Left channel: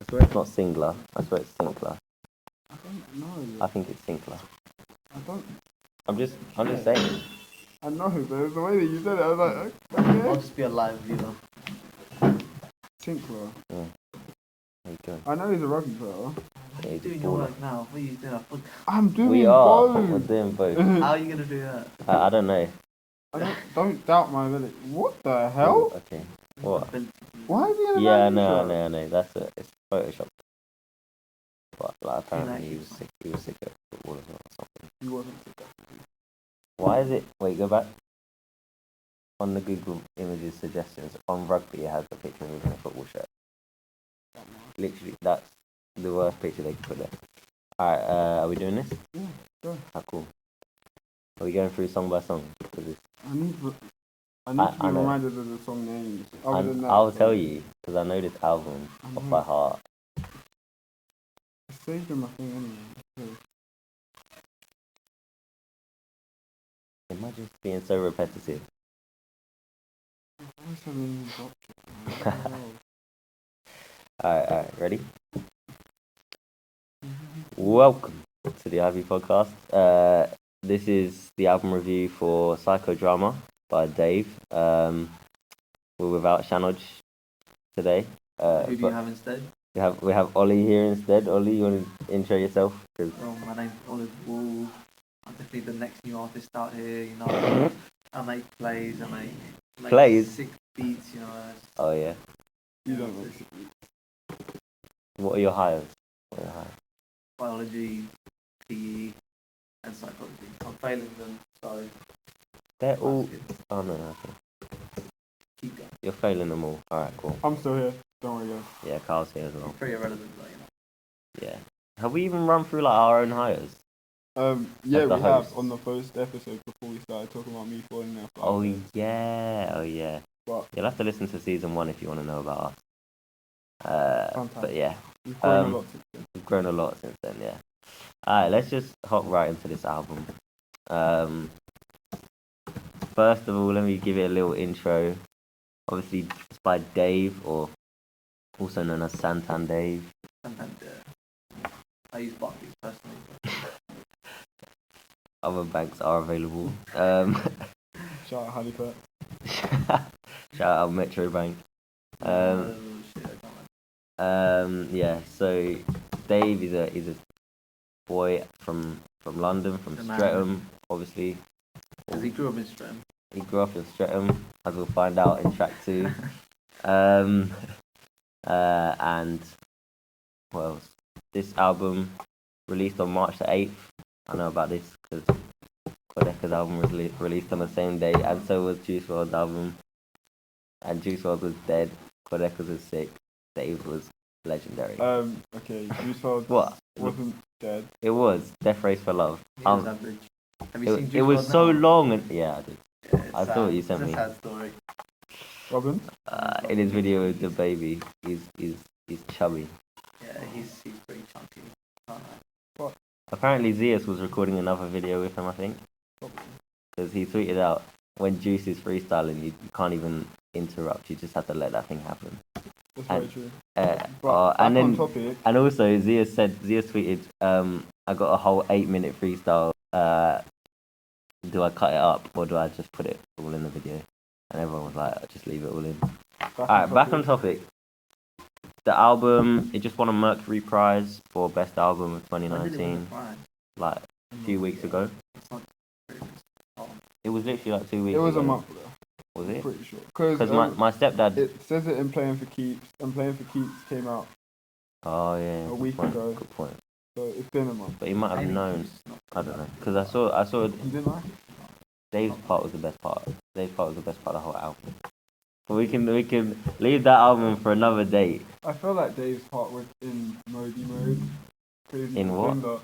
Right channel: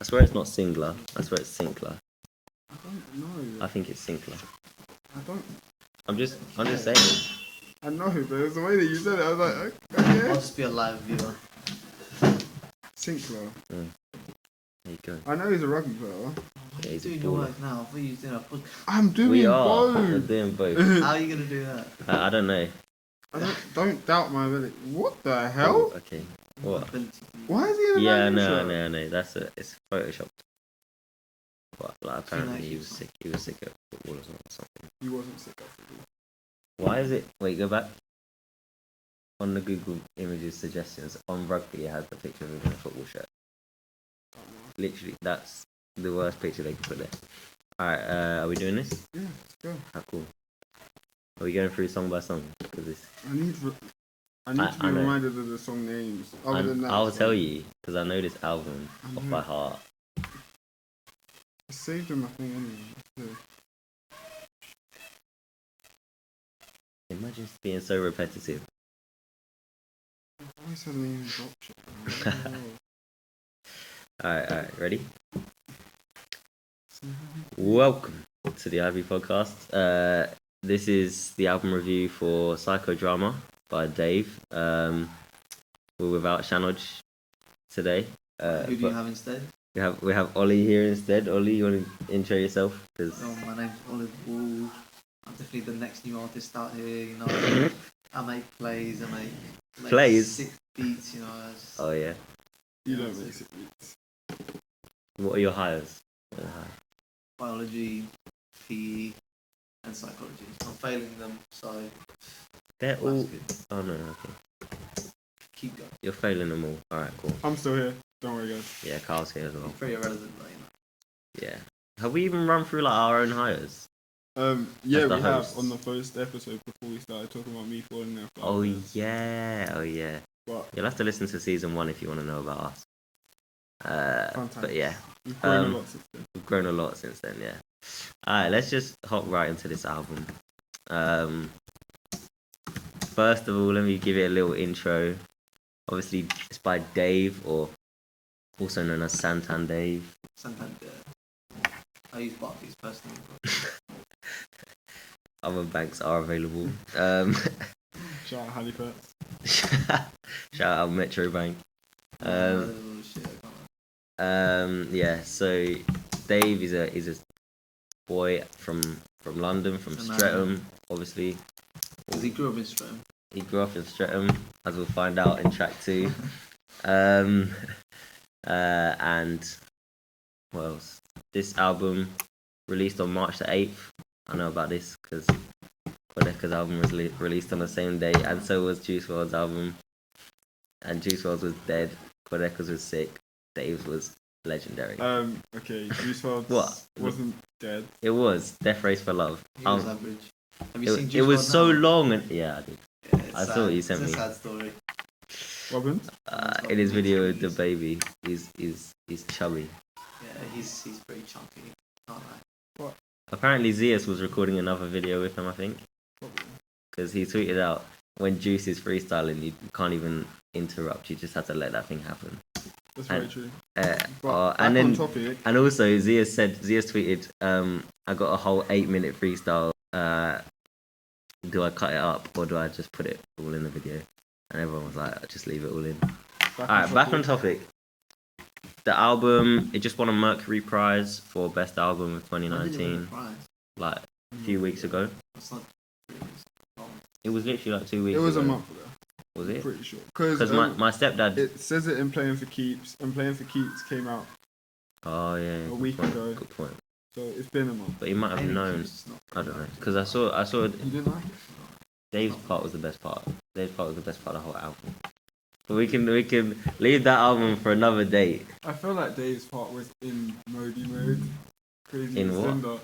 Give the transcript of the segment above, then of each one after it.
I swear it's not Singler. I swear it's Sinclair. I don't know. I think it's Sinclair. I don't. I'm just saying. I know, but it was the way that you said it. I was like, okay. I'll just be a live viewer. Sinclair. Yeah. There you go. I know he's a rugby player. What are Yeah, you he's a doing your baller. work now? What are you doing? I'm doing We are. both. We're doing both. How are you going to do that? I don't know. Don't doubt my ability. What the hell? Ooh, okay. What? Why is he in a Yeah, Man U no, shirt? no. It's photoshopped. But like, apparently he was sick. He was sick of football as well or something. He wasn't sick of football. Why is it? Wait, go back. On the Google Images suggestions, on rugby it has the picture of him in a football shirt. Literally, that's the worst picture they could put there. Alright, are we doing this? Yeah, let's go. Ah, cool. Are we going through song by song? I need to be reminded of the song names. Other than that, I'll tell you, because I know this album off by heart. I saved him, I think, anyway. Imagine being so repetitive. Why hasn't even dropped shit? Alright, ready? Welcome to the Ivy Podcast. This is the album review for Psychodrama by Dave. We're without Shanoj today. Who do you have instead? We have Ollie here instead. Ollie, you want to intro yourself? Cause... my name's Olive Wald. I'm definitely the next new artist out here, you know. I make plays, I make plays? sick beats, you know. Oh yeah. You don't make sick beats. What are your hires? Biology, PE, and psychology. I'm failing them, so they're all... good. Oh no, okay. Keep going. You're failing them all. Alright, cool. I'm still here. Don't worry, guys. Yeah, Carl's here as well. Pretty irrelevant, but, you know. Yeah. Have we even run through like our own hires? Yeah, we hosts. have on the first episode before we started talking about me falling there. Oh yeah. But You'll have to listen to season 1 if you want to know about us. But yeah, we've grown a lot since then. we've grown a lot since then. Yeah. Alright, let's just hop right into this album. First of all, let me give it a little intro. Obviously, it's by Dave, or also known as Santan Dave. Santander. I use Barclays personally. Other banks are available. Shout out Halifax. Shout out Metro Bank. Yeah. So Dave is a boy from London, from Streatham, obviously. Because he grew up in Streatham. He grew up in Streatham, as we'll find out in track 2. And what else? This album released on March the 8th. I know about this because Kodeka's album was released on the same day, and so was Juice WRLD's album. And Juice WRLD was dead. Kodeka's was sick. Dave's was legendary. Okay, Juice WRLD wasn't dead. It was Death Race for Love. He was average. Have you seen Juice it was WRLD so now? long, and yeah, I did. Yeah, I saw what you sent me. It's a sad story. Robin? In his video with the baby, he's chubby. Yeah, he's pretty chunky. Can't lie. Apparently Zeus was recording another video with him, I think. Because he tweeted out, when Juice is freestyling, you can't even interrupt, you just have to let that thing happen. That's very true. And also Zeus tweeted, I got a whole 8-minute freestyle, do I cut it up or do I just put it all in the video? And everyone was like, just leave it all in. Alright, back on topic. The album, it just won a Mercury Prize for Best Album of 2019, like a few weeks ago. It's not It was literally like 2 weeks ago. It was a month ago. Was I'm it? pretty sure. Because my stepdad... It says it in Playing for Keeps, and Playing for Keeps came out Oh yeah, a week ago. Good point. So it's been a month. But he might have known. I don't know. Because I saw You didn't know? Dave's part was the best part. Dave's part was the best part of the whole album. But we can leave that album for another date. I feel like Dave's part was in Modi mode. Crazy In what? Cinder.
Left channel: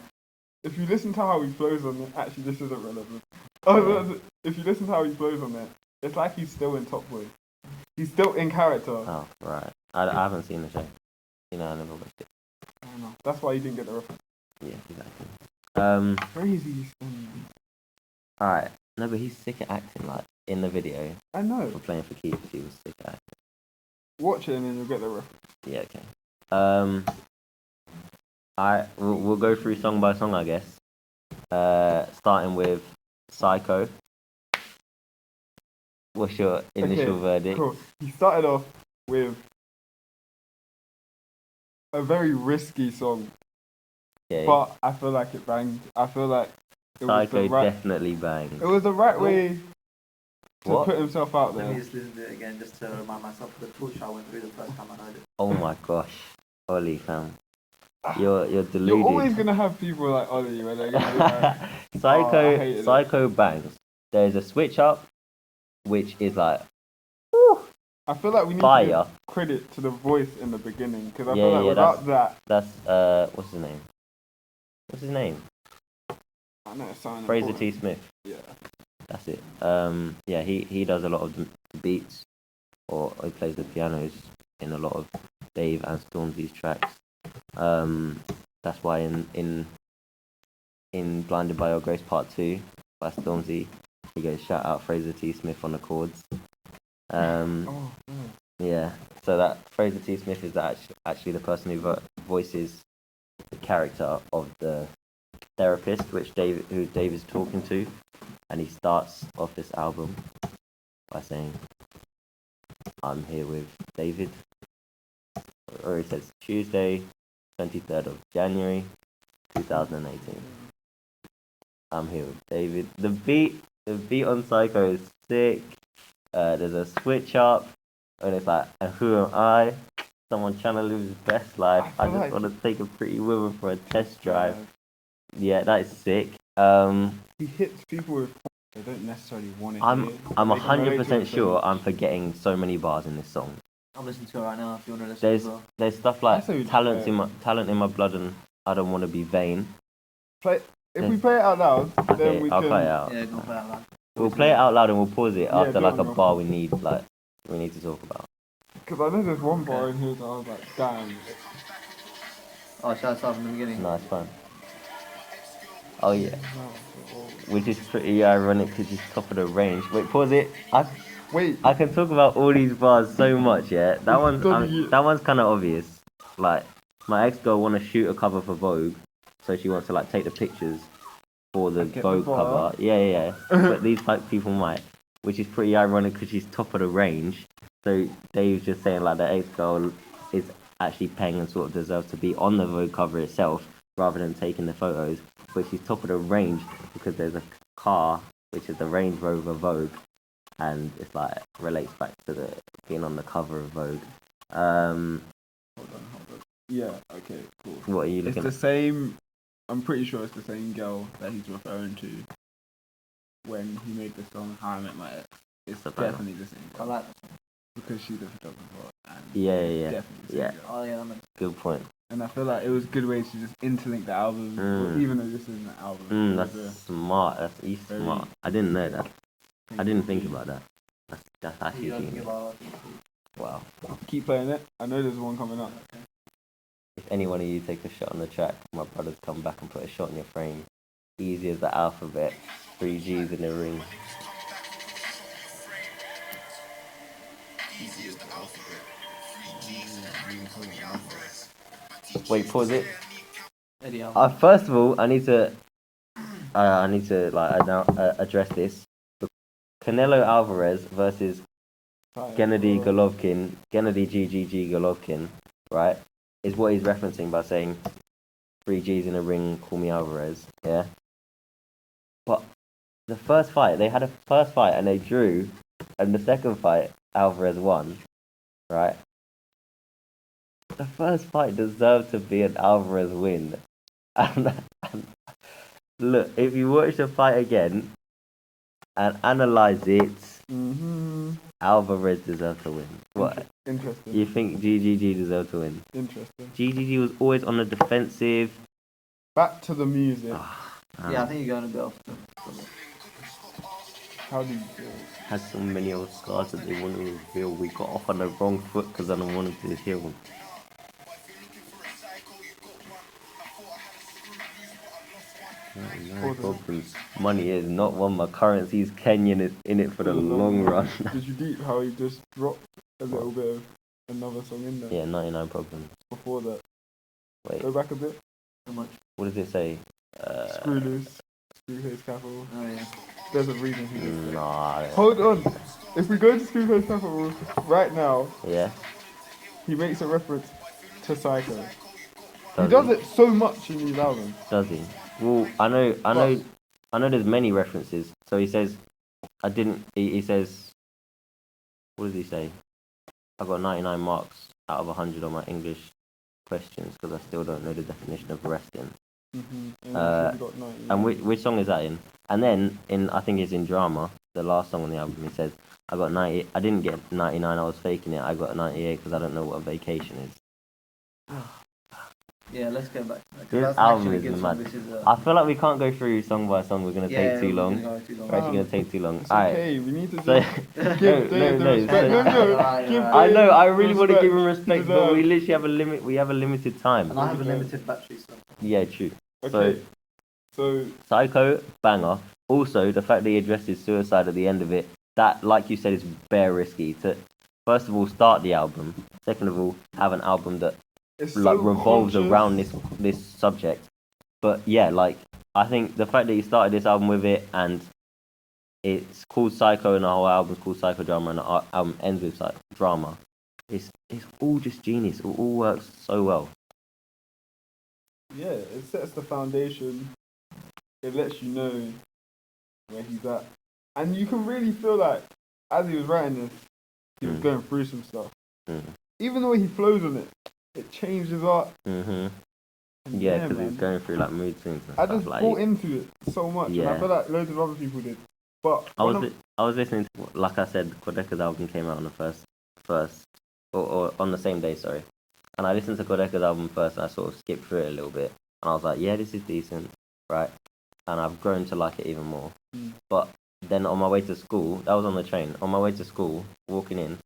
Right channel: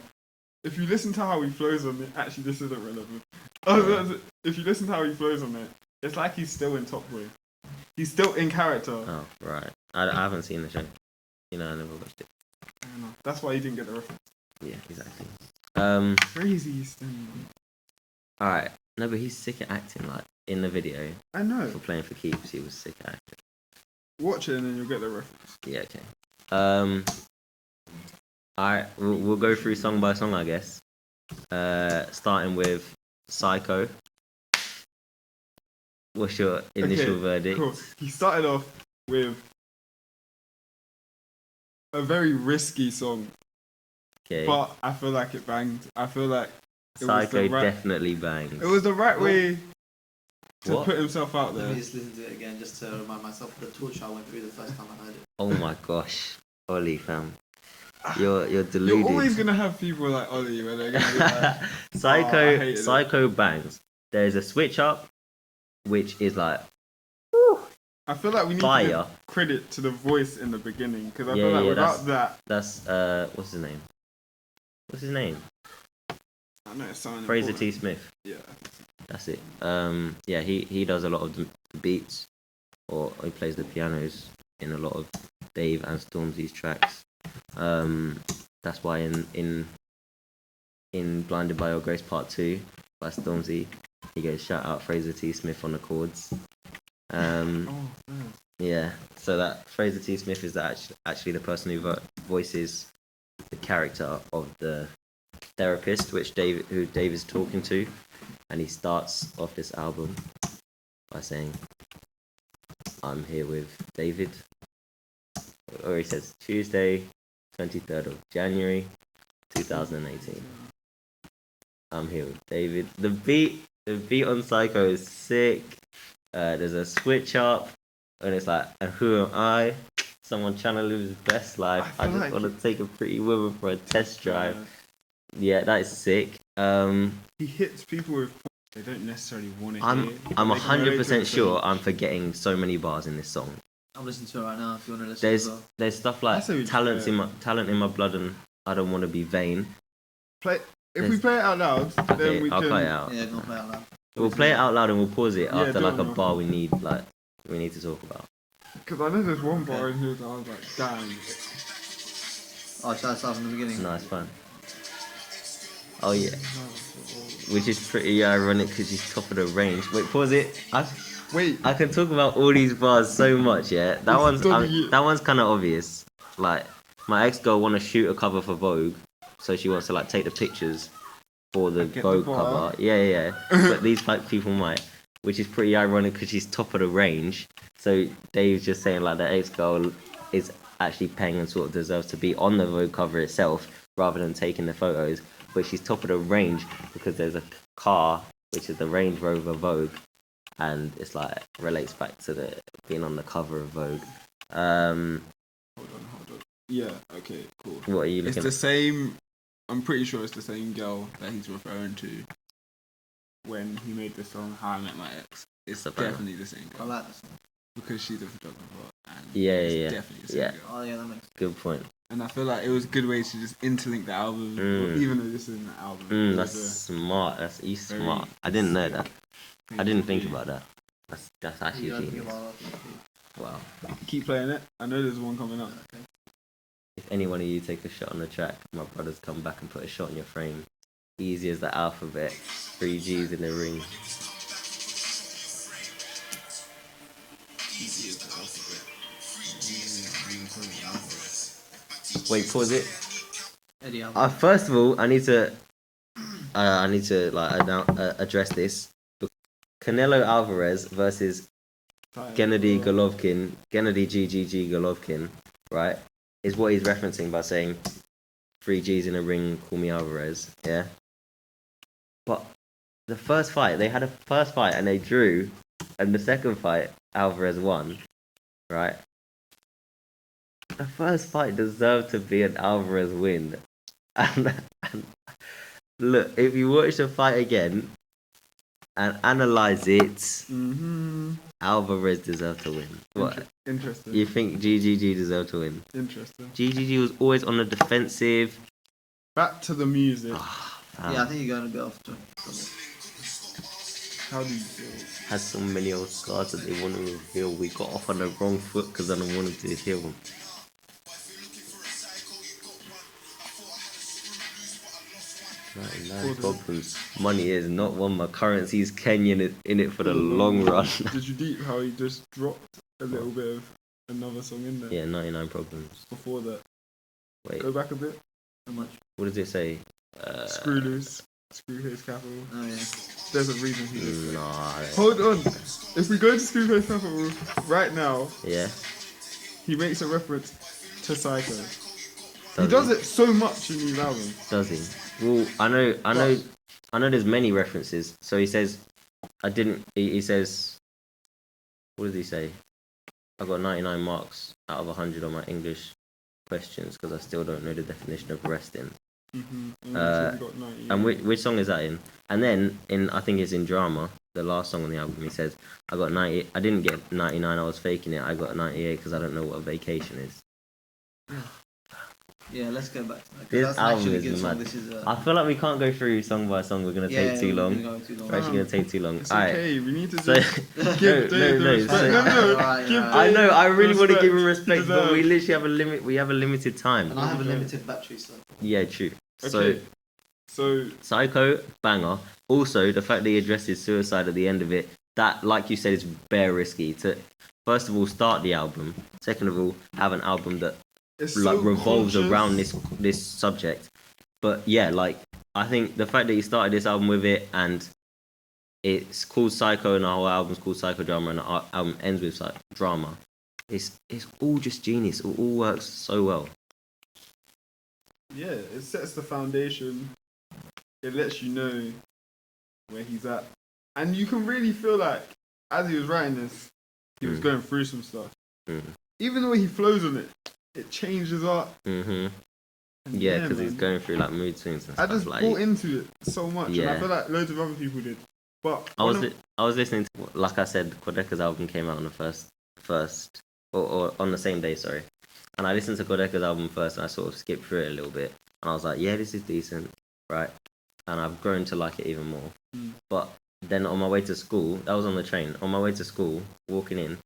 If you listen to how he flows on it, actually this isn't relevant. If you listen to how he flows on it, it's like he's still in Top Boy. He's still in character. Oh, right. I haven't seen the show. You know, I never watched it. I know. That's why you didn't get the reference. Yeah, exactly. Crazy standing. Alright. No, but he's sick at acting, like, in the video. I know. For Playing for Keeps, he was sick at acting. Watch it and then you'll get the reference. Yeah, okay. We'll go through song by song, I guess. Starting with Psycho. What's your initial verdict? Cool. He started off with a very risky song, but I feel like it banged. I feel like Psycho definitely banged. It was the right way to put himself out there. Let me just listen to it again, just to remind myself of the torture I went through the first time I heard it. Oh my gosh, Ollie, fam. You're deluded. You're always gonna have people like Ollie where they're gonna be like, Psycho bangs. There's a switch up, which is like, I feel like we need to give credit to the voice in the beginning, because I feel like without that's what's his name? What's his name? I know it's sounding Fraser T. Smith. Yeah, that's it. Yeah, he does a lot of the beats, or he plays the pianos in a lot of Dave and Stormzy's tracks. That's why in Blinded by Your Grace Part 2 by Stormzy, he goes shout out Fraser T. Smith on the chords. Yeah, so that Fraser T. Smith is actually the person who voices the character of the therapist, who Dave is talking to, and he starts off this album by saying, "I'm here with David," or he says Tuesday, 23rd of January, 2018. I'm here with David. The beat on Psycho is sick. There's a switch up, and it's like, and who am I? Someone trying to live his best life. I just want to take a pretty woman for a test drive. Yeah, that is sick. He hits people with they don't necessarily want to I'm 100% sure I'm forgetting so many bars in this song. I'm listening to it right now if you want to listen. There's stuff like talent in my blood, and I don't want to be vain. If we play it out loud, okay, then I'll play it out. Yeah, we'll play it out loud. We'll play it out loud and we'll pause it after like a bar we need to talk about. Because I know there's one bar in here that I was like, damn. Oh, it starts from the beginning. No, it's fine. Oh yeah. Which is pretty ironic because he's top of the range. Wait, pause it. I can talk about all these bars so much, yeah. That one's kind of obvious. Like, my ex-girl want to shoot a cover for Vogue, so she wants to like take the pictures for the Vogue cover. Yeah. But these people might, which is pretty ironic because she's top of the range. So Dave's just saying like the ex-girl is actually paying and sort of deserves to be on the Vogue cover itself rather than taking the photos. But she's top of the range because there's a car which is the Range Rover Vogue, and it's like relates back to the being on the cover of Vogue. Hold on. Yeah. Okay. Cool. What are you looking at? It's the same. I'm pretty sure it's the same girl that he's referring to when he made the song "How I Met My Ex." It's definitely the same girl. I like the song because she's a photographer. And yeah. Definitely the same girl. Oh yeah, that makes good point. And I feel like it was a good way to just interlink the albums, even though this isn't an album. That's smart. He's smart. I didn't know that. I didn't think about that. That's actually genius. Wow. Keep playing it. I know there's one coming up. Okay. If any one of you take a shot on the track, my brothers come back and put a shot in your frame. Easy as the alphabet. 3 G's in the ring. Easy as the alphabet. 3 G's in the ring. Wait, pause it. First of all, I need to address this. Canelo Alvarez versus Gennady Golovkin, Gennady GGG Golovkin, right? Is what he's referencing by saying 3 G's in a ring, call me Alvarez, yeah? But the first fight, they had a first fight and they drew, and the second fight, Alvarez won, right? The first fight deserved to be an Alvarez win. And look, if you watch the fight again and analyze it, Alvarez deserved to win. What? Interesting. You think GGG deserved to win? Interesting. GGG was always on the defensive. Back to the music. Yeah, I think you're going to be off. How do you feel? Had so many old scars that they want to reveal. We got off on the wrong foot because I don't want them to heal them. Problems. Money is not one. My currency's Kenyan in it for the long run. Did you deep how he just dropped a little bit of another song in there. Yeah, 99 Problems. Before that. Wait, Go back a bit. How much? what does it say? Screw Loose. Screw Face Capital. Oh yeah. There's a reason he did that. Nah. Hold on. If we go to Screw Face Capital right now, Yeah. he makes a reference to Psycho. Does He does it so much in these albums. Does he? Well, I know. There's many references. So he says, I didn't. He says, what does he say? I got 99 marks out of 100 on my English questions because I still don't know the definition of resting. Mm-hmm. And which song is that in? And then I think it's in Drama, the last song on the album. He says, I got 90. I didn't get 99. I was faking it. I got 98 because I don't know what a vacation is. Yeah, let's go back to that. This album is mad. I feel like we can't go through song by song. We're gonna take too long. We're actually gonna take too long. It's Alright. okay. We need to So, just give Dave the respect. No. I know. I really want to give him respect respect, but we literally have a limit. We have a limited time. And I have a limited battery, so. Yeah, true. Okay. So Psycho, banger. Also, the fact that he addresses suicide at the end of it, that, like you said, is bare risky. To first of all start the album. Second of all, have an album that it's like so revolves conscious. around this subject. But yeah, like I think the fact that he started this album with it, and it's called Psycho, and the whole album's called Psychodrama, and the album ends with drama. It's all just genius. It all works so well. Yeah, it sets the foundation. It lets you know where he's at, and you can really feel like as he was writing this, he was going through some stuff. Even the way he flows on it, it changes up. Yeah, because he's going through like mood swings and stuff. I just like, bought into it so much, Yeah. and I feel like loads of other people did. But I was listening to, like I said, Kodeka's album came out on the first or on the same day, sorry. And I listened to Kodeka's album first, and I sort of skipped through it a little bit, and I was like, yeah, this is decent, right? And I've grown to like it even more. But then on my way to school, that was on the train. On my way to school, walking in,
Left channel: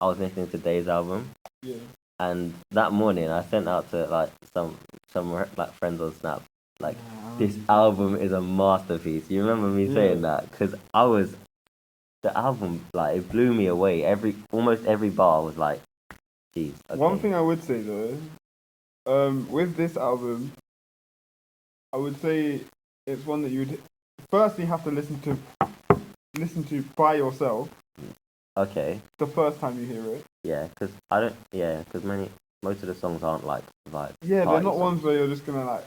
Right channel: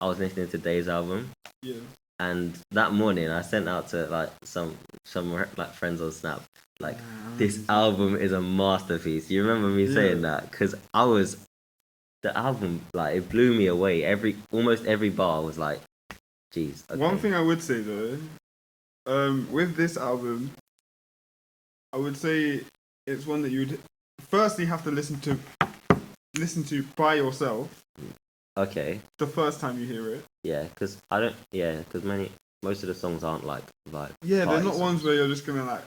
I was listening to Dave's album. Yeah. And that morning, I sent out to like some like friends on Snap, like this album is a masterpiece. You remember me saying that? Because the album, like it blew me away. Almost every bar was like, geez. Okay. One thing I would say though, with this album, I would say it's one that you would firstly have to listen to by yourself. Okay. The first time you hear it. Yeah, because most of the songs aren't like vibe. Yeah, they're not songs. ones where you're just gonna like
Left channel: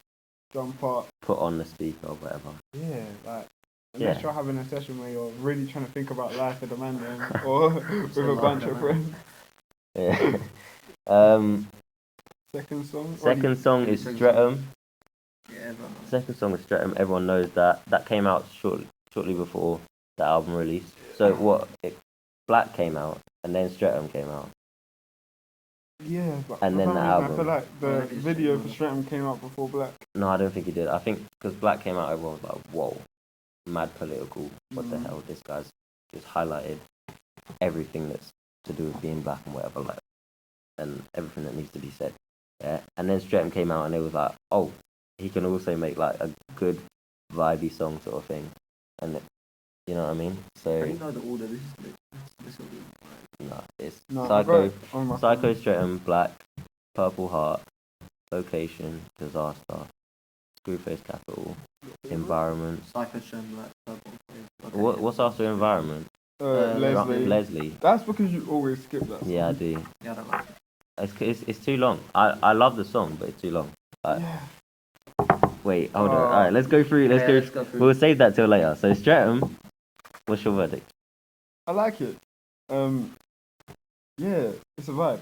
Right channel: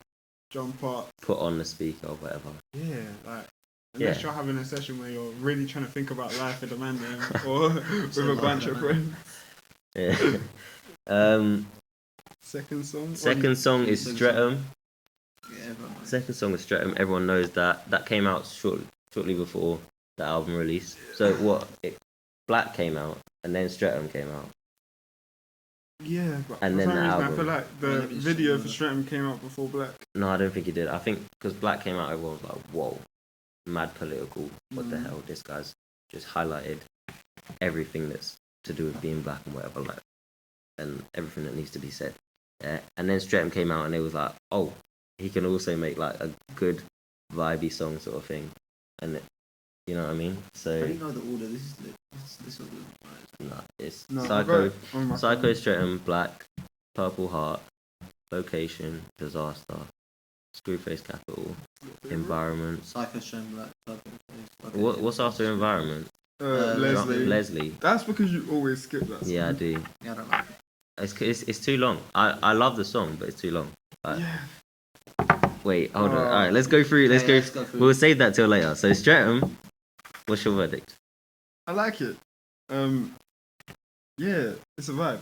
jump up, put on the speaker or whatever. Yeah, like unless you're having a session where you're really trying to think about life with a man or with a bunch of friends. Yeah. Second song. Second song is Streatham. Yeah, Second song is Streatham. Everyone knows that. That came out shortly before the album release. So Black came out, and then Streatham came out. Yeah, but and then the album. I feel like the video for Streatham came out before Black. No, I don't think it did. I think because Black came out, everyone was like, whoa, mad political. What the hell? This guy's just highlighted everything that's to do with being black and whatever, like, and everything that needs to be said. Yeah. And then Streatham came out, and it was like, oh, he can also make like a good vibey song sort of thing. And you know what I mean? So. I don't know the order. This will be. No, it's Psycho, Streatham, Black, Purple Heart, Location, Disaster, Screwface Capital, Environment. Psycho, Streatham, Black, Purple. What's after Environment? Leslie. That's because you always skip that song. Yeah, I do. Yeah, I don't like it. It's too long. I love the song, but it's too long. Wait, hold on. All right, let's go through. Let's go through. We'll save that till later. So Streatham, what's your verdict? I like it. Yeah, it's a vibe.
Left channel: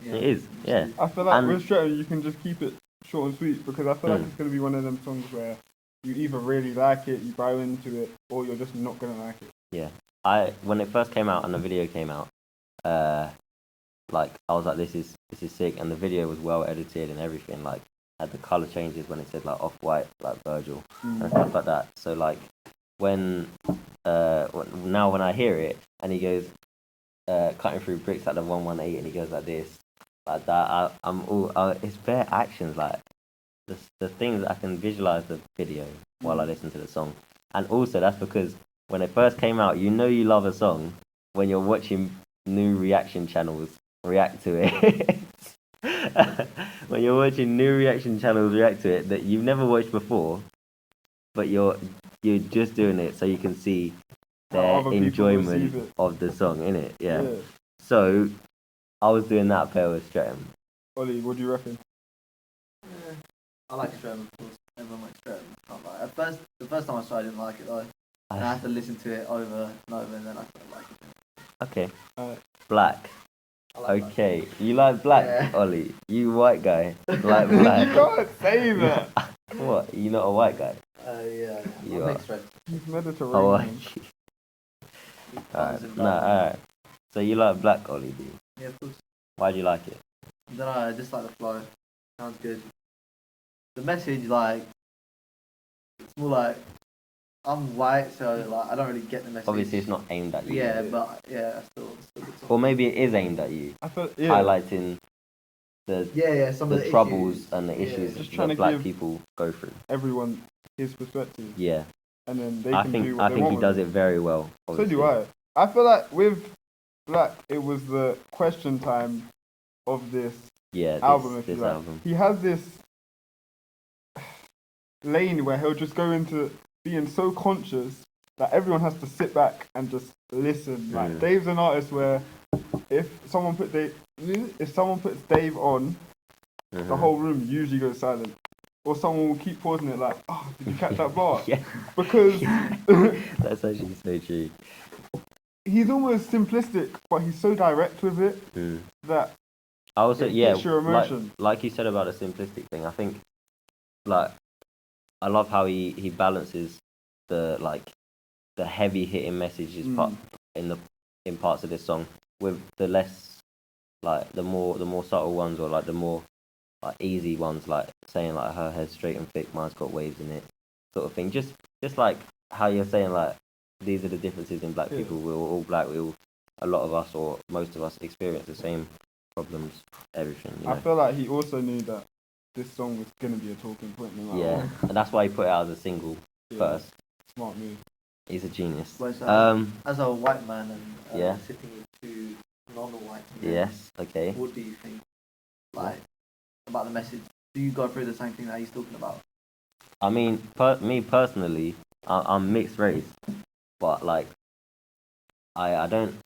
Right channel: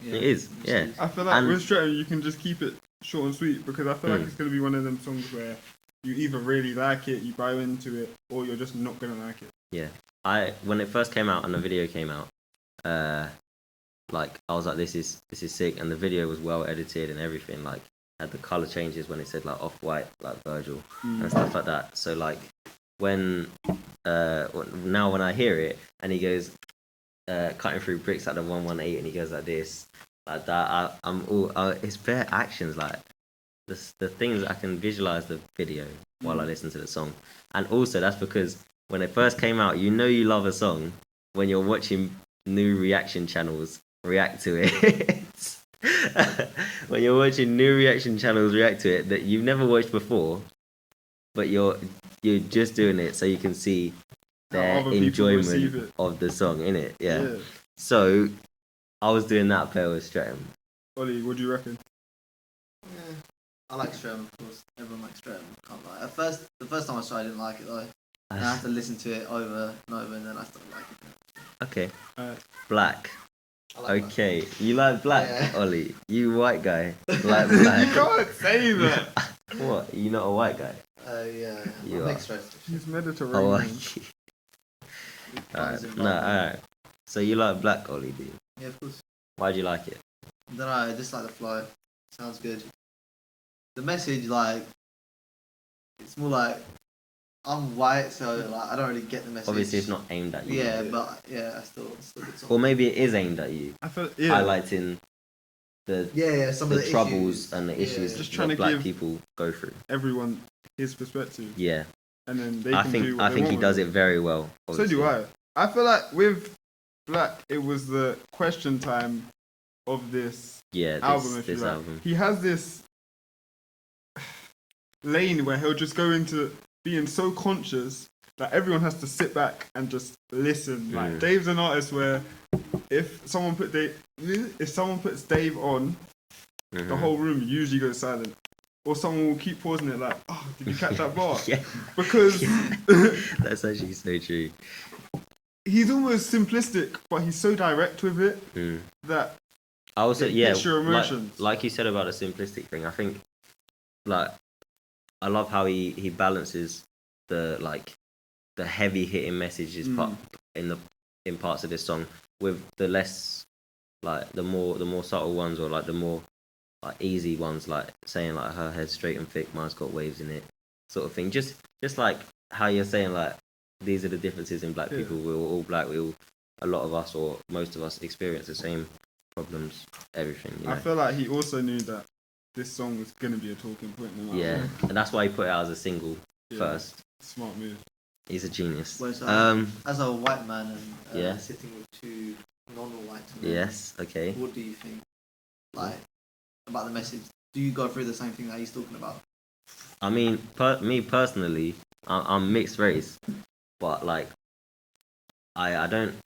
Yeah, it is. Yeah. I feel like with Streatham you can just keep it short and sweet because I feel like it's gonna be one of them songs where you either really like it, you buy into it, or you're just not gonna like it. Yeah. When it first came out and the video came out, like I was like, this is sick, and the video was well edited and everything. Like had the color changes when it said like Off-White, like Virgil and stuff like that. So like when I hear it and he goes cutting through bricks at the 118 and he goes like this, like that, I'm all it's bare actions, like the things I can visualize the video while I listen to the song. And also that's because when it first came out, you know you love a song when you're watching new reaction channels react to it, when you're watching new reaction channels react to it that you've never watched before, but you're just doing it so you can see their enjoyment of the song, innit? Yeah. So I was doing that pair with Streatham. Ollie, what do you reckon? Yeah, I like Streatham, of course. Everyone likes Streatham. Can't lie. At first, the first time I tried, I didn't like it though. And I had to listen to it over and over, and then I started liking it. Okay. Black. Like okay, Black. You like Black, yeah. Ollie? You white guy like Black? You can't say that. What? You not a white guy? Yeah. You mixed race. He's Mediterranean. Oh, alright. No, alright. So you like Black, Ollie, do you? Yeah, of course. Why do you like it? I don't know, I just like the flow. Sounds good. The message, like, it's more like, I'm white, so like I don't really get the message. Obviously, it's not aimed at you. Yeah, but yeah, I still get or maybe it is aimed at you. I feel, highlighting the some of the troubles issues. and the issues Just that trying to Black give people go through. everyone his perspective. Yeah. And then they I can think do what they he want does with it very well. Obviously. So do I. I feel like with Black, it was the question time of this album. This album. He has this lane where he'll just go into being so conscious that everyone has to sit back and just listen. Like Dave's an artist where if someone puts Dave on, the whole room usually goes silent. Or someone will keep pausing it like, oh, did you catch that bar? Yeah. Because that's actually so true. He's almost simplistic, but he's so direct with it that I also hits your emotions. Like you said about the simplistic thing, I think like I love how he balances the heavy hitting messages in parts of this song with the less like the more subtle ones, or like the more like easy ones, like saying like her head's straight and thick, mine's got waves in it, sort of thing. Just like how you're saying like these are the differences in Black people. We're all Black. A lot of us, or most of us, experience the same problems. Everything. You know? I feel like he also knew that this song was gonna be a talking point. No matter what. And that's why he put it out as a single first. Smart move. He's a genius. As a white man and sitting with two non-white men, yes, okay. What do you think, like, about the message? Do you go through the same thing that he's talking about? I mean, me personally, I'm mixed race, but like, I don't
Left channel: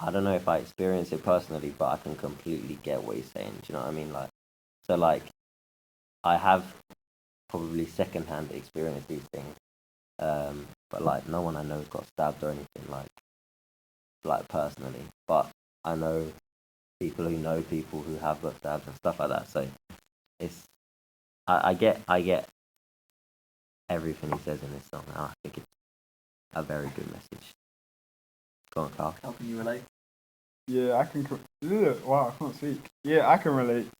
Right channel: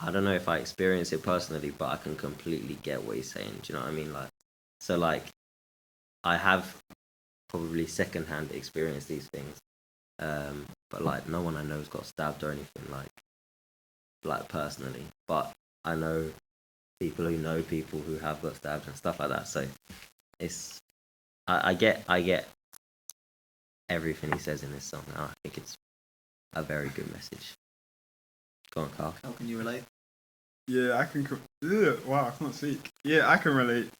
know if I experience it personally, but I can completely get what he's saying. Do you know what I mean? Like, so like, I have probably secondhand experienced these things. But like no one I know has got stabbed or anything like personally, but I know people who know people who have got stabbed and stuff like that. So it's I get everything he says in this song. I think it's a very good message. Go on, Carl. How can you relate? Yeah, I can. Wow, I can't speak. Yeah, I can relate.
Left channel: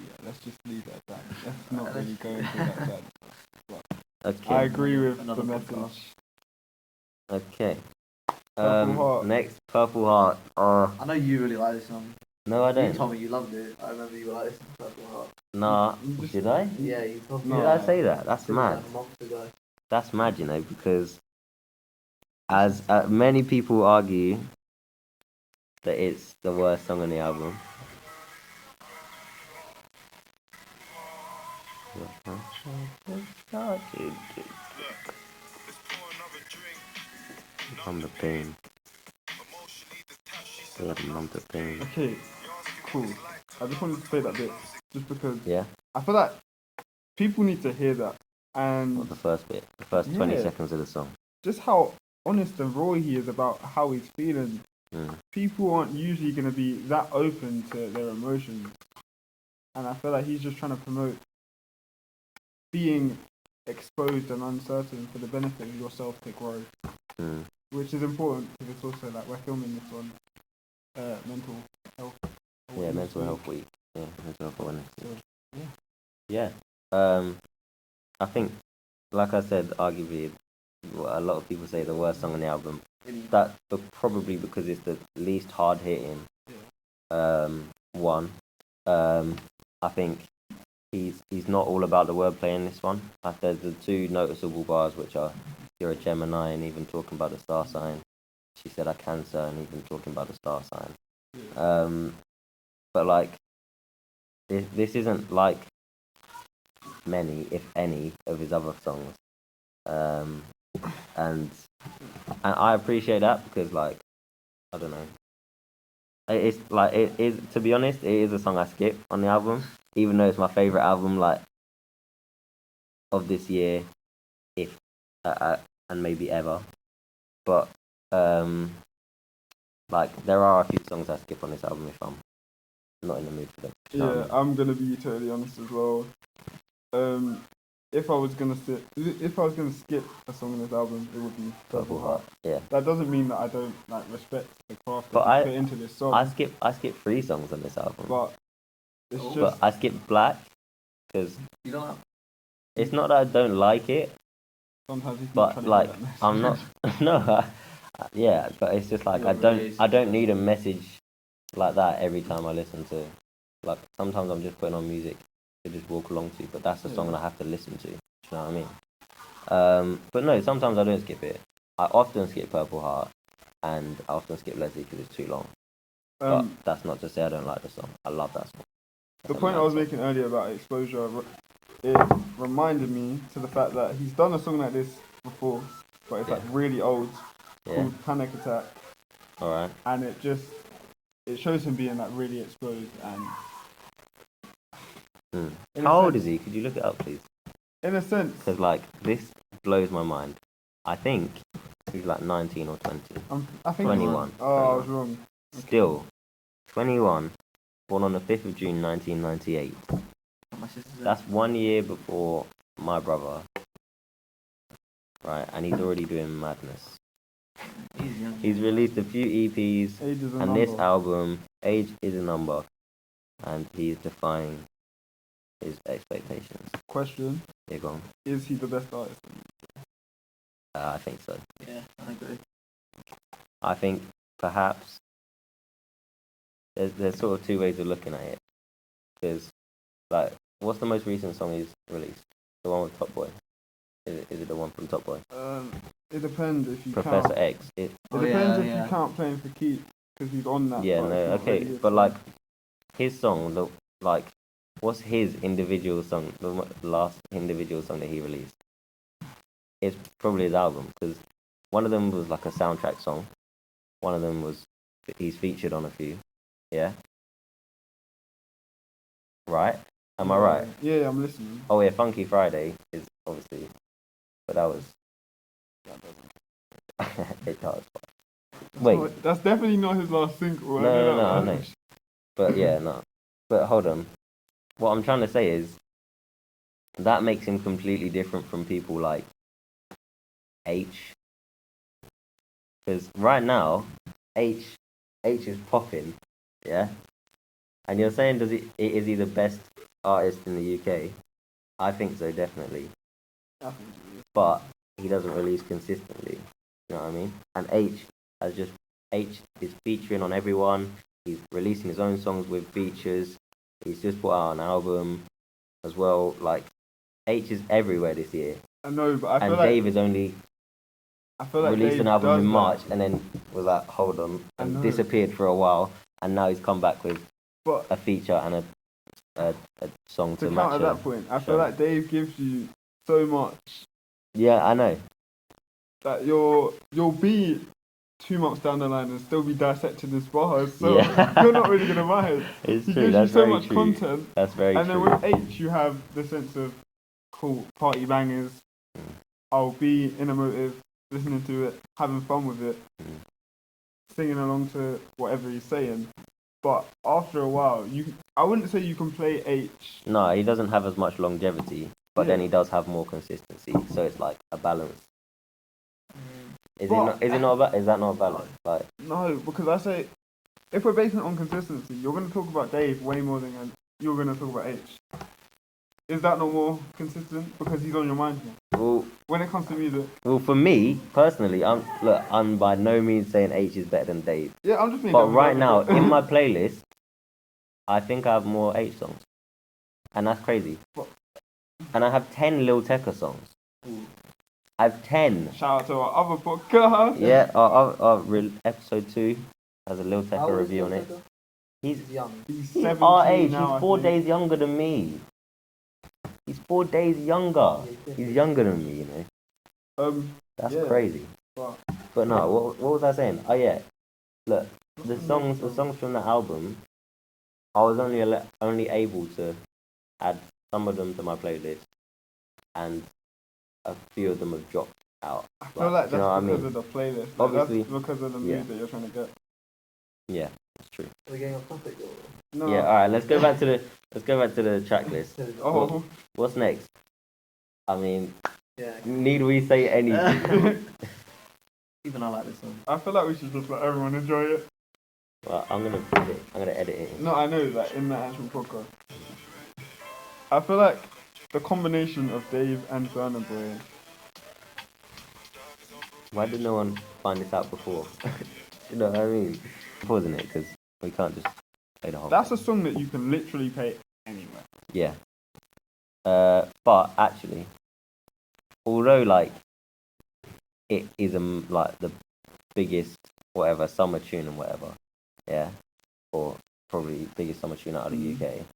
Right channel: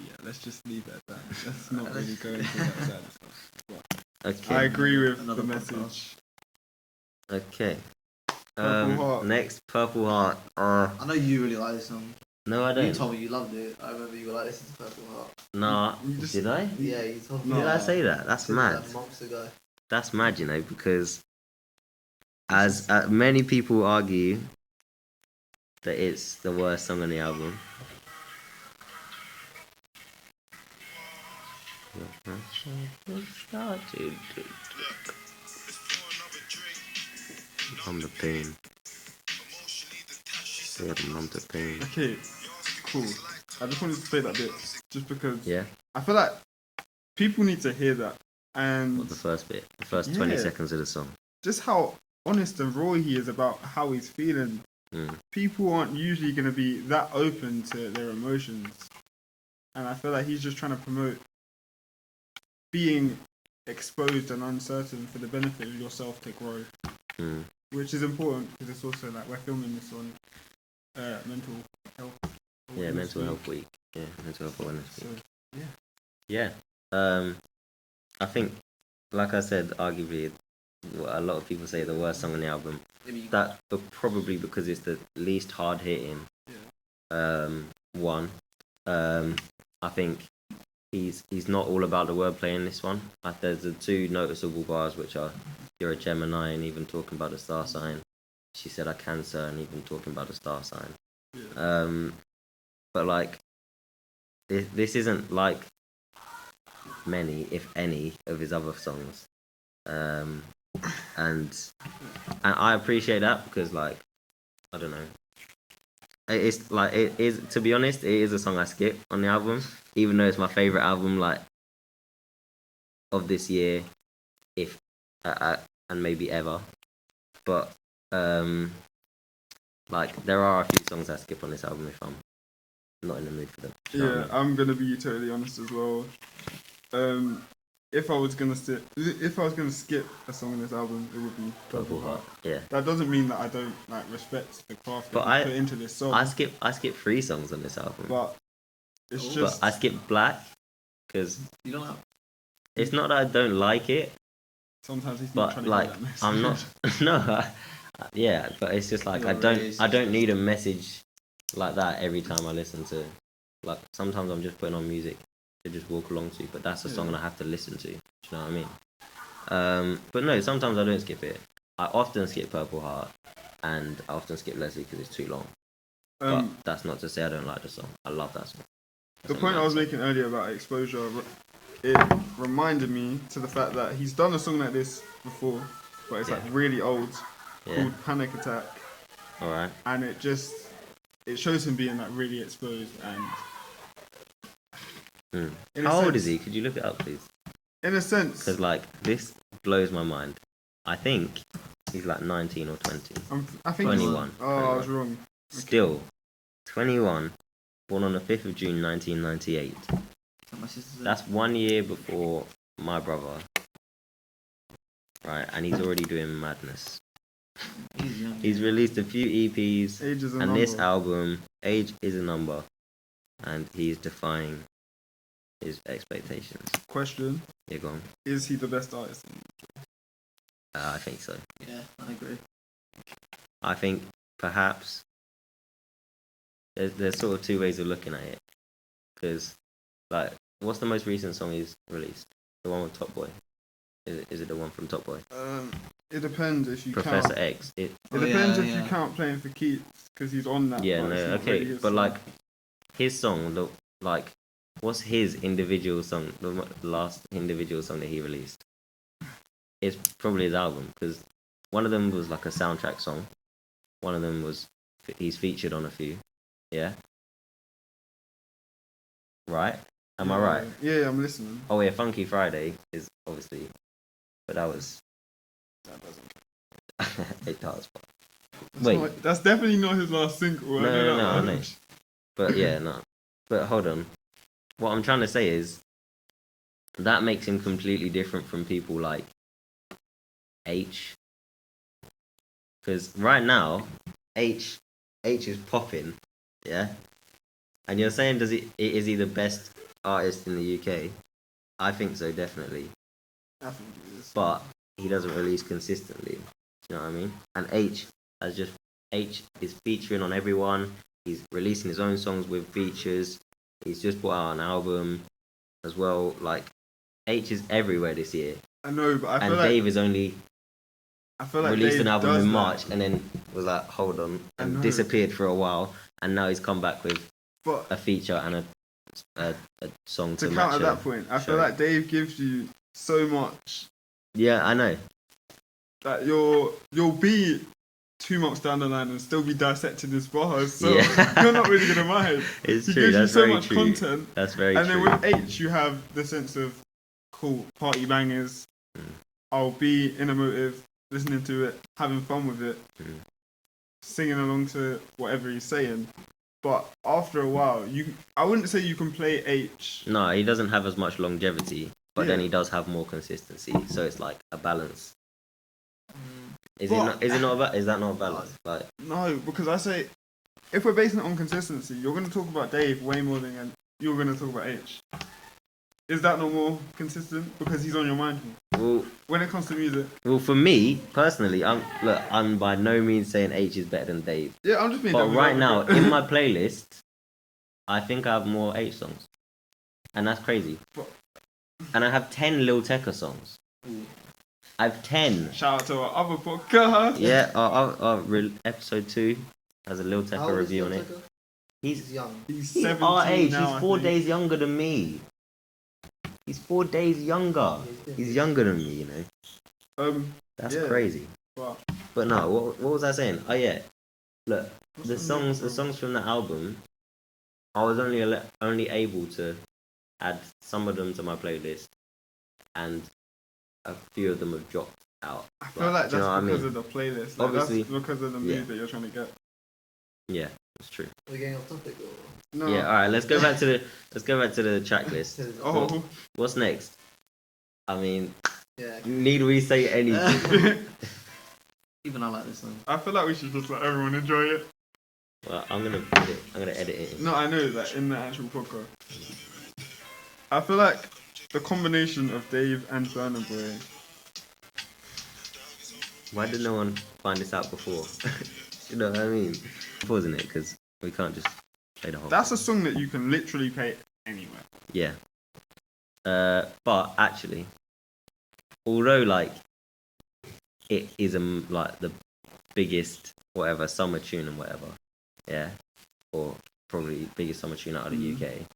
Yeah, let's just leave it at that. Let's not really go into that side of stuff. But I agree with the message. Okay. Purple Heart. Next, Purple Heart. I know you really like this song. No, I don't. You told me you loved it. I remember you were like, "Listen to Purple Heart." Nah, did I? Yeah, you told me. Did I say that? That's mad. Like months ago. That's mad, you know, because as many people argue that it's the worst song on the album. I'm the pain. Yeah, I'm the pain. Okay, cool. I just wanted to say that bit just because Yeah. I feel like people need to hear that, and What, the first bit, the first 20 seconds of the song. just how honest and raw he is about how he's feeling. People aren't usually going to be that open to their emotions, and I feel like he's just trying to promote being exposed and uncertain for the benefit of yourself to grow, which is important because it's also like we're filming this on mental health. Yeah, mental health week. Yeah, mental health awareness week. So, Yeah. I think, like I said, arguably, a lot of people say the worst song on the album. That probably because it's the least hard hitting one. I think he's not all about the wordplay in this one. There's the two noticeable bars which are "You're a Gemini" and even talking about the star sign. she said I Cancer, and even talking about the star sign. Yeah. But like, this isn't like many, if any, of his other songs. And I appreciate that because, like, I don't know. It's like, it is, to be honest, it is a song I skip on the album, even though it's my favorite album, like, of this year, if and maybe ever. But like, there are a few songs I skip on this album if I'm not in the mood for them. You know what I mean? I'm gonna be totally honest as well. If I was gonna skip a song in this album, it would be Purple Heart. Yeah. That doesn't mean that I don't like respect the craft that But I put into this song. I skip 3 songs on this album. But it's But just I skip Black because You don't have... it's not that I don't like it, sometimes he's not but trying like to get that message. I'm not. No, yeah, but it's just like You're I don't racist. need a message like that every time I listen to. Like, sometimes I'm just putting on music to just walk along to, but that's a song I have to listen to. You know what I mean? But no, sometimes I don't skip it. I often skip Purple Heart, and I often skip Leslie because it's too long. But that's not to say I don't like the song. I love that song. The point I was making earlier about exposure, it reminded me to the fact that he's done a song like this before, but it's like really old, called Panic Attack. Alright. And it shows him being like really exposed and. How old is he? Could you look it up, please? In a sense. Because like, this blows my mind. I think he's like 19 or 20. I think 21. I was wrong. Still, 21, born on the 5th of June 1998. That's 1 year before my brother. Right, and he's already doing madness. He's released a few EPs, Age is a and number. this album, Age is a Number, and he's defying his expectations. Question. Yeah, go on. Is he the best artist? I think so. Yeah, I agree. I think perhaps there's sort of 2 ways of looking at it. Because, like, what's the most recent song he's released? The one with Top Boy? Is it the one from Top Boy? It depends if you Professor count. X. It depends if you count Playing for Keeps, because he's on that. Yeah, but it's no, not okay. really his But song. like, his song, like, what's his individual song? The last individual song that he released? It's probably his album, because one of them was like a soundtrack song. One of them was, he's featured on a few. Yeah? Right? Am I right? Yeah, I'm listening. Oh yeah, Funky Friday is obviously, but that doesn't. It does. Wait, That's definitely not his last single. no, I know. But yeah, no. But hold on. What I'm trying to say is that makes him completely different from people like H. Because right now, H is popping, yeah. And you're saying, is he the best artist in the UK? I think so, definitely. I think it is. But he doesn't release consistently. You know what I mean? And H is featuring on everyone. He's releasing his own songs with features. He's just put out an album as well. Like, H is everywhere this year. I know, but I feel and like Dave is only released an album in March and then was like, hold on, and disappeared for a while. And now he's come back with a feature and a song to match. To counter that point, I feel like Dave gives you so much. Yeah, I know. That you'll be 2 months down the line and still be dissecting his bars, so you're not really gonna mind. It's he true. gives That's you so very much true. content. That's very true. And then with H, you have the sense of cool party bangers. I'll be in a motive, listening to it, having fun with it, singing along to whatever he's saying. But after a while, I wouldn't say you can play H. No, he doesn't have as much longevity, but then he does have more consistency. So it's like a balance. Is that not a balance? Like, no, because I say, if we're basing it on consistency, you're going to talk about Dave way more than you're going to talk about H. Is that not more consistent? Because he's on your mind more. Well, when it comes to music. Well, for me, personally, I'm by no means saying H is better than Dave. Yeah, I'm just being. But right now, in my playlist, I think I have more H songs. And that's crazy. And I have 10 Lil Tecca songs. I've 10. Shout out to our other podcast. Yeah, our episode 2 has a Lil Tecca review on it. He's young. He's He's 17 our age. now, He's 4 days younger than me. He's 4 days younger. He's younger than me, you know. That's crazy. Wow. But no, what was I saying? Oh yeah, look, the songs from the album, I was only able to add some of them to my playlist, and a few of them have dropped out. I feel like that's because of the playlist. Like, Obviously, that's because of the mood that you're trying to get. Yeah, that's true. Are we getting off topic or? No. Yeah, all right. Let's go back to the track list. What's next? I mean, need we say anything? Even I like this song. I feel like we should just let everyone enjoy it. Well, I'm gonna edit it. No, I know, like in the actual podcast. I feel like the combination of Dave and Burna Boy. Why did no one find this out before? You know what I mean? Pausing it because we can't just play the whole. That's a song that you can literally play anywhere. Yeah. But actually, although like it is like the biggest whatever summer tune and whatever, yeah, or probably biggest summer tune out of the UK.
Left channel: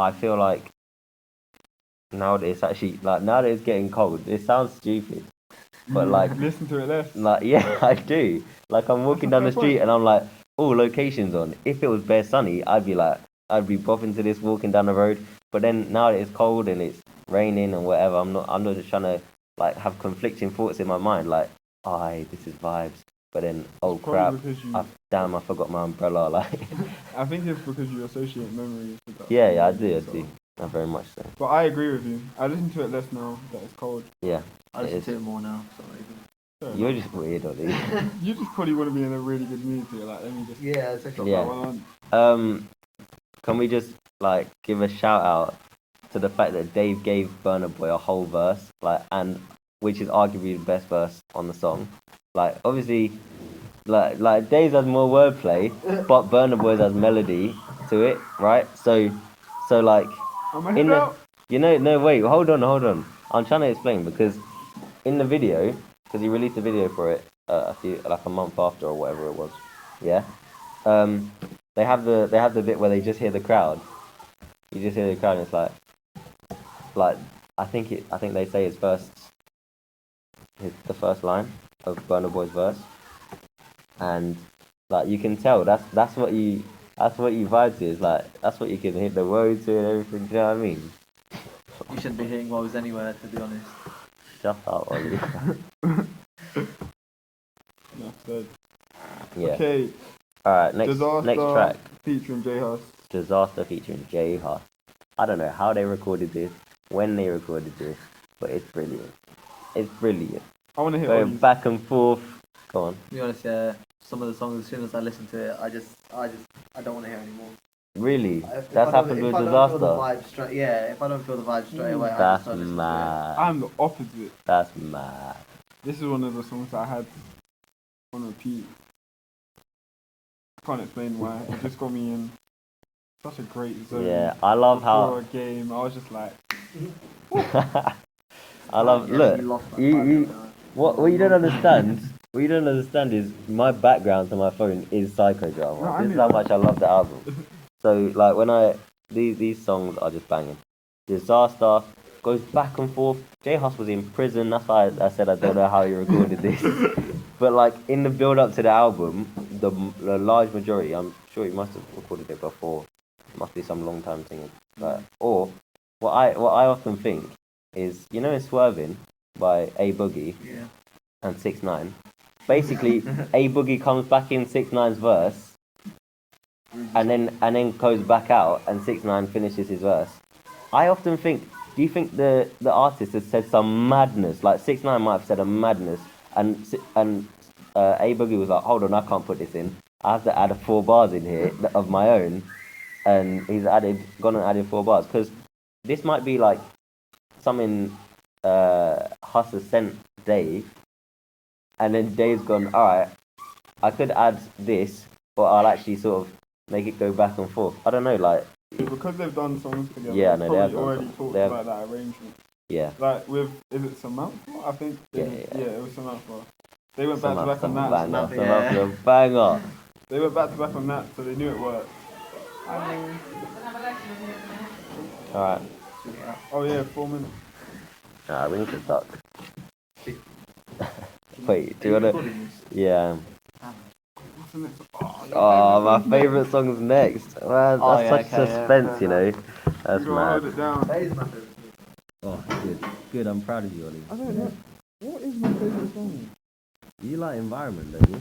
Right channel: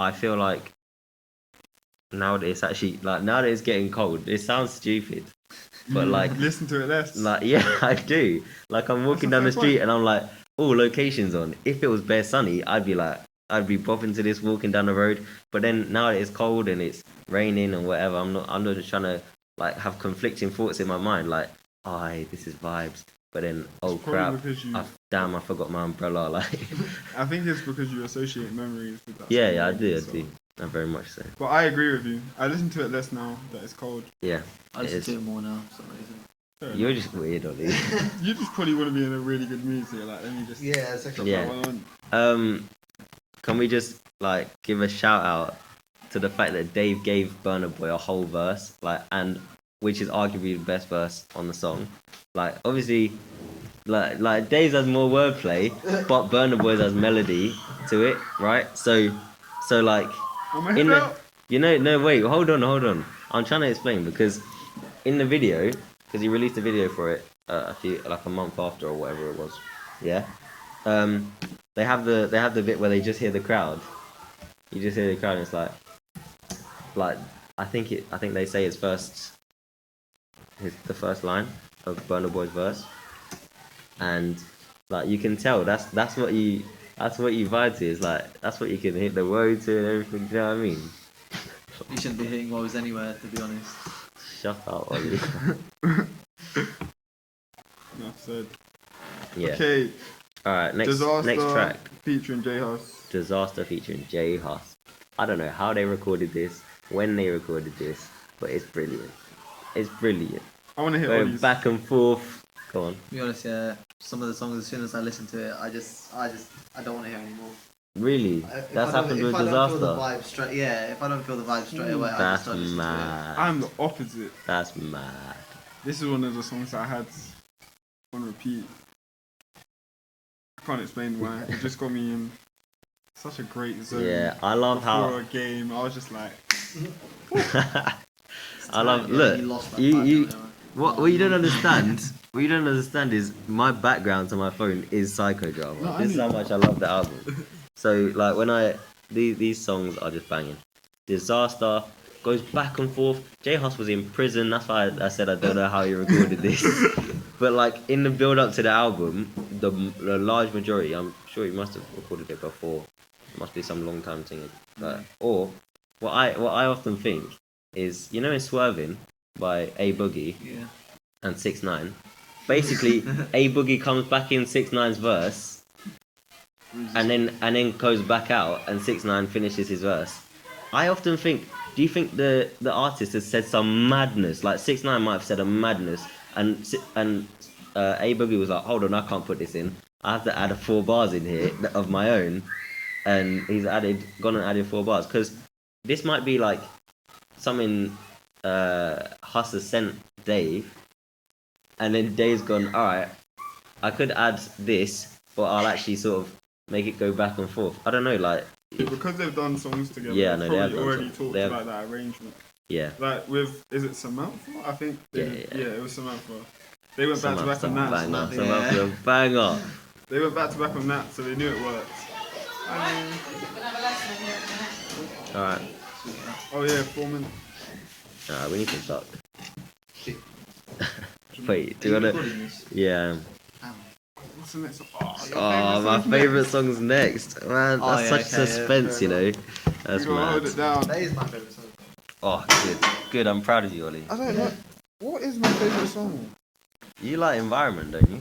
I feel like now that it's getting cold, it sounds stupid, but like listen to it less. Like yeah, I do. Like I'm walking down the street and I'm like, oh, location's on. If it was bare sunny, I'd be bopping to this walking down the road. But then now that it's cold and it's raining and whatever, I'm not just trying to like have conflicting thoughts in my mind. Like, this is vibes. But then, oh crap, I forgot my umbrella. Like, I think it's because you associate memories with that. Yeah, I do. I very much so. But I agree with you. I listen to it less now that it's cold. Yeah, I listen to it more now for some reason. You're just weird, Ollie. You just probably want to be in a really good mood, so you're like, let me just drop that one on. Can we just like give a shout out to the fact that Dave gave Burna Boy a whole verse, like, and which is arguably the best verse on the song. Like, obviously, like Dave's has more wordplay, but Burna Boy's has melody to it, right? So like, wait, hold on. I'm trying to explain because in the video, because he released a video for it a month after or whatever it was, yeah. They have the bit where they just hear the crowd. You just hear the crowd, and it's like I think they say the first line of Burna Boy's verse, and like you can tell that's what you vibe to. Is like that's what you can hit the road to and everything. Do you know what I mean? You shouldn't be hitting woes anywhere, to be honest. Shut up, Ollie. Enough said. Yeah. Okay. Alright, next track. Featuring J Hus. Disaster featuring J Hus. I don't know how they recorded this, when they recorded this, but it's brilliant. It's brilliant. I want to hear going back and forth. Go on. To be honest, yeah. Some of the songs, as soon as I listen to it, I don't want to hear anymore. Really? That's happened with Disaster? If I don't feel the vibe straight away, that's mad. I'm the opposite. That's mad. This is one of the songs that I had on repeat. I can't explain why. It just got me in such a great zone. Yeah, I love how a game, I was just like. I love. Look, what you don't understand. What you don't understand is my background to my phone is psychodrama. No, this is how much I love the album. So like when these songs are just banging. Disaster goes back and forth. J Hus was in prison. That's why I said I don't know how he recorded this. But like in the build up to the album, the large majority, I'm sure he must have recorded it before. It must be some long time thing. Or what I often think is, you know, in Swerving by A Boogie and 6ix9ine. Basically, A Boogie comes back in 6ix9ine's verse, and then goes back out, and 6ix9ine finishes his verse. I often think, do you think the artist has said some madness? Like 6ix9ine might have said a madness, and A Boogie was like, hold on, I can't put this in. I have to add 4 bars in here of my own, and he's gone and added 4 bars because this might be like something Hus has sent Dave, and then Dave's gone, alright, I could add this, but I'll actually sort of make it go back and forth. I don't know, like... Because they've done songs together, yeah, no, probably already talked about that arrangement. Yeah. Like is it Samantha? I think. Yeah. It was Samantha. They went back to back on that. Samantha, banger. They went back to back on that, so they knew it worked. I mean. Alright. Oh yeah, 4 minutes. Alright, we need to talk. Wait, do you wanna? Yeah. What's the next? Oh, my favourite song's next. Man, that's such suspense, you know. That's mad. Hold it down. That is my favourite song. Oh, good. I'm proud of you, Ollie. I don't know. What is my favourite song? You like Environment, don't you?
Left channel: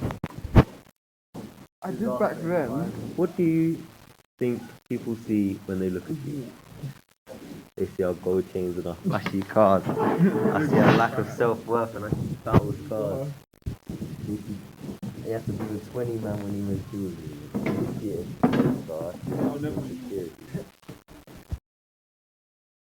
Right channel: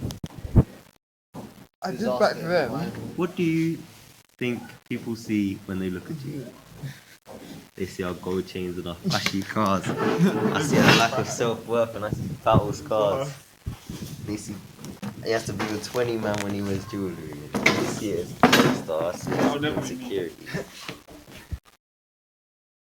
I did back then. What do you think people see when they look at you? They see our gold chains and our flashy cars. I see a lack of self-worth and I see battle scars. They see he has to be a 20 man when he wears jewellery. They see it as a star. I see it as insecurity.